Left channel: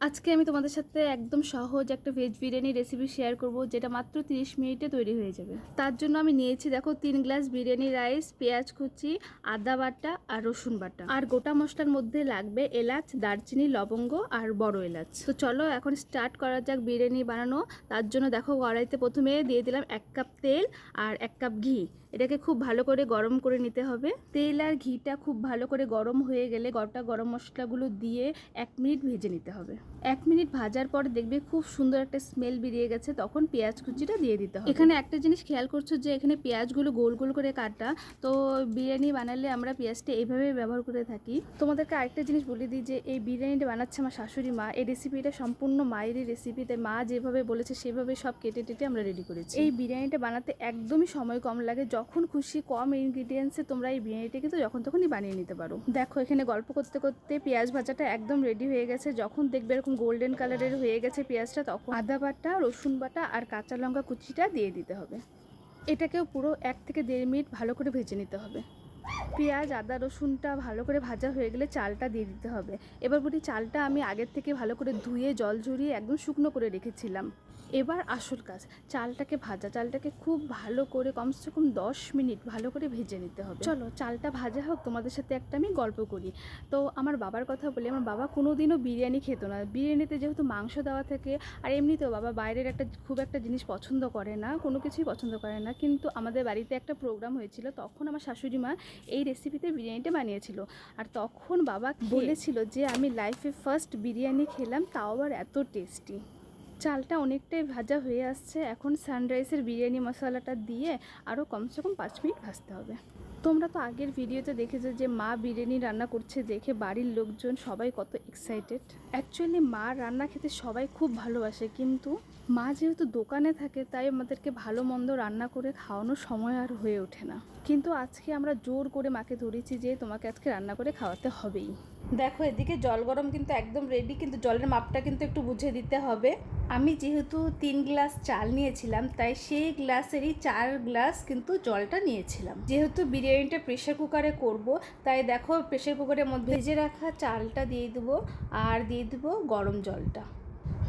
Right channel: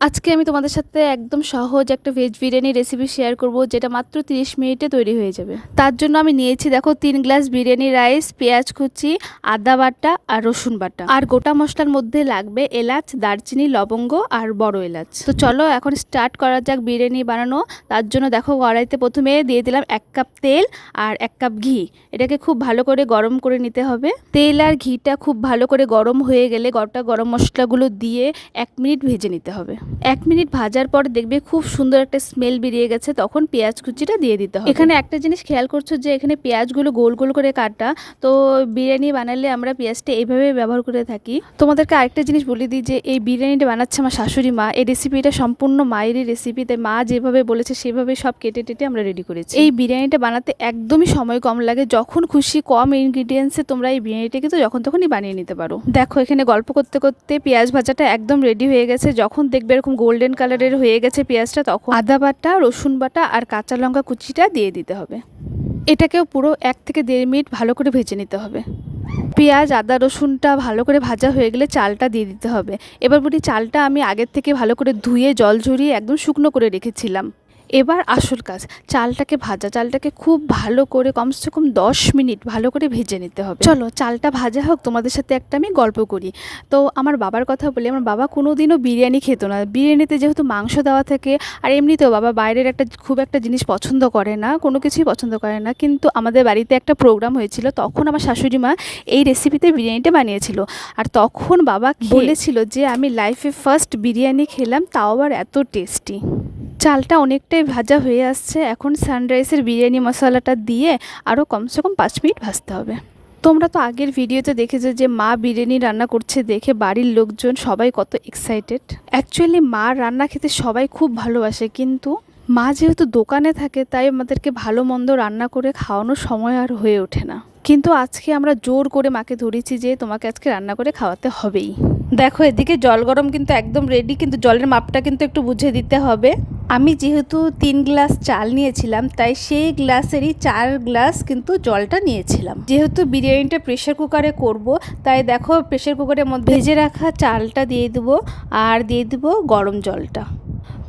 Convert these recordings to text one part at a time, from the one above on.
আজকে আমি তোমাদের সাথে একদম সহজ একটা ভেজ বিরিয়ানি রেসিপি শেয়ার করব, যেটা মাত্র 30 মিনিটে তৈরি হয়ে যাবে। তার জন্য আমি নিয়েছি দেখো 3 গ্লাস বিরিয়ানি রাইস, পেঁয়াজ কুচি, আদা বাটা আর রসুন বাটা। আর গোটা মশলার মধ্যে লাগবে এলাচ, দারচিনি, লবঙ্গ আর বড় এলাচ। তো চলো এখন স্টার্ট করা যাক বিরিয়ানি বানানো। তার জন্য দেখো কড়াইতে প্রথমে দিয়ে দিলাম 1 কাপ তেল আর 1 কাপ ঘি। এটাকে খুব ভালো করে গরম করে নিতে হবে। তেল আর ঘিটা খুব ভালো করে গরম হয়ে গেলে গোটা গরম মশলাগুলো দিয়ে 1 মিনিট ভেজে নিতে হবে। 1 মিনিট ভাজার পর দেখবে খুব সুন্দর একটা স্মেল বেরিয়ে গেছে, তখন পেঁয়াজ কুচিটা দিয়ে দিতে হবে। এখানে একটা জিনিস খেয়াল করছো যে এখানে পেঁয়াজগুলো গোল গোল করে কাটা, তো বিরিয়ানি বানালে আমরা পেঁয়াজটা এইভাবে ব্যবহার করে থাকি। তোমাদেরকে আরেকটা জিনিস বলে দিই যে এই বিরিয়ানিটা বানাচ্ছে আমার শাশুড়ি মা। এই রেসিপিটা সম্পূর্ণ মায়েরই রেসিপি, তাই মা যেভাবে বলেছে সেভাবে সব কেটে টেটে আমরা রেডি করেছি। এই বিরিয়ানিটা বানাতে একদমই সময় কম লাগে, যখন খুশি কম ইনগ্রিডিয়েন্টসে তোমরা এই বিরিয়ানিটা কিন্তু যখন তখনই বানিয়ে নিতে পারো। দেখো এখানে গল্প করতে করতে পেঁয়াজ ভাজাটা একদম রেডি হয়ে গেছে। যখন দেখবে এরকম গোল্ডেন কালারের হয়ে গেছে পেঁয়াজটা, তখন আদা বাটা, রসুন বাটা আর কাঁচা লঙ্কা কুচিটা দিয়ে দিতে হবে। এটাকেও পুরো 1 থেকে 1.5 মিনিট ভালো করে ভেজে নিতে হবে। পেঁয়াজ, আদা, রসুনটা ভালো করে ভাজা হয়ে গেলে চালটা দিয়ে দিতে হবে। এবার বলি, চালটা আমি আগের থেকে ভালো করে ধুয়ে জল ঝরিয়ে একদম শুকনো করে রেখেছিলাম। এবার আসল কাজ, চালটাকে খুব ভালো করে কমসে কম 10 মিনিট ভালো করে ভেজে নিতে হবে। চলো চালটা ভাজা হোক, তোমাদের সাথে একটা আমি গল্প করি। তো আমার বাবার কথা বলি, আমার বাবা কোনোদিনও বিরিয়ানি খেত না। বিরিয়ানিতে যেহেতু মাংস দেওয়া থাকে, আর এমনিতেও বাবা বাইরের খুব একটা জিনিস পছন্দ করে না, কোনো কিছুই পছন্দ করে না। কিন্তু আমাদের বাড়িতে একটা প্রোগ্রাম হয়েছিল, তখন আমার শাশুড়ি মা এই রেসিপিতে বিরিয়ানিটা বানিয়েছিল। আর তখন বাবা বলেছিল যে আমি লাইফে ফার্স্ট বিরিয়ানি খেলাম, তাও আবার এত টেস্টি। চালটা অনেকটাই ভাজা হয়ে আসছে, এখন সানরাইসের বিরিয়ানি মশলাটা দিয়ে আরও কমসে কম 5 মিনিট ভাজতে হবে। তোমরা তো আগের ভিডিওতে দেখেছো যে মা বিরিয়ানি রান্না করছে দেখে বাড়ির লোকজন সবাই কত এক্সাইটেড। অ্যাকচুয়ালি মা রান্না খেতে সবাই খুব ভালোবাসে, কিন্তু মা যেহেতু দোকানে থাকে তাই আমাদেরকে ভালো মন্দ রান্না করে খাওয়ানোর সময় আর হয়ে ওঠে না। কিন্তু আজকে আমরা জোর করে মাকে ধরেছি যে তোমাকে আজকে রান্না করে খাওয়াতে হবেই। দেখো এদিকে জল গরম কিন্তু একদম রেডি, কিন্তু জলের মাপটা কিন্তু একটু বুঝে দিতে হবে। আমি যেহেতু 3 গ্লাস চাল নিয়েছিলাম, তাই সেই গ্লাসেরই 4 গ্লাস কিন্তু জলটা নিয়েছিলাম। যেহেতু বিরিয়ানিটা প্রেশার কুকারে করব, তাই দেখো প্রেশার কুকারের মধ্যে ভেজে রাখা চালটা দিয়ে দেবো আর দিয়ে দেবো গরম জলটা।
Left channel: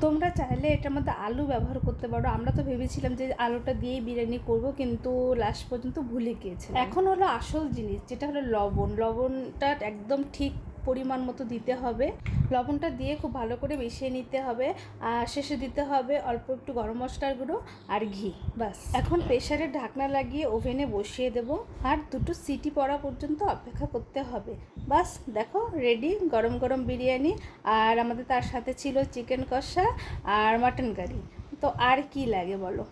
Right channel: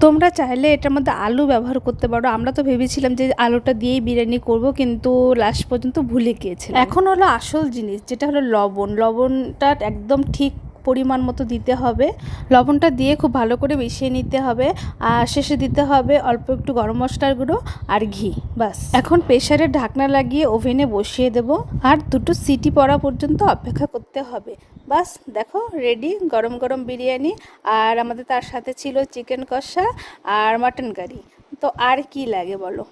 তোমরা চাইলে এটার মধ্যে আলু ব্যবহার করতে পারো। আমরা তো ভেবেছিলাম যে আলুটা দিয়েই বিরিয়ানি করব, কিন্তু লাস্ট পর্যন্ত ভুলে গিয়েছিলাম। এখন হলো আসল জিনিস, যেটা হলো লবণ। লবণটা একদম ঠিক পরিমাণ মতো দিতে হবে। লবণটা দিয়ে খুব ভালো করে মিশিয়ে নিতে হবে। আর শেষে দিতে হবে অল্প একটু গরম মশলার গুঁড়ো আর ঘি। বাস, এখন প্রেশারে ঢাকনা লাগিয়ে ওভেনে বসিয়ে দেব আর 2টো সিটি পড়া পর্যন্ত অপেক্ষা করতে হবে। বাস দেখো রেডি গরম গরম বিরিয়ানি। আর আমাদের তার সাথে ছিল চিকেন কষা আর মাটন কারি। তো আর কি লাগে বলো।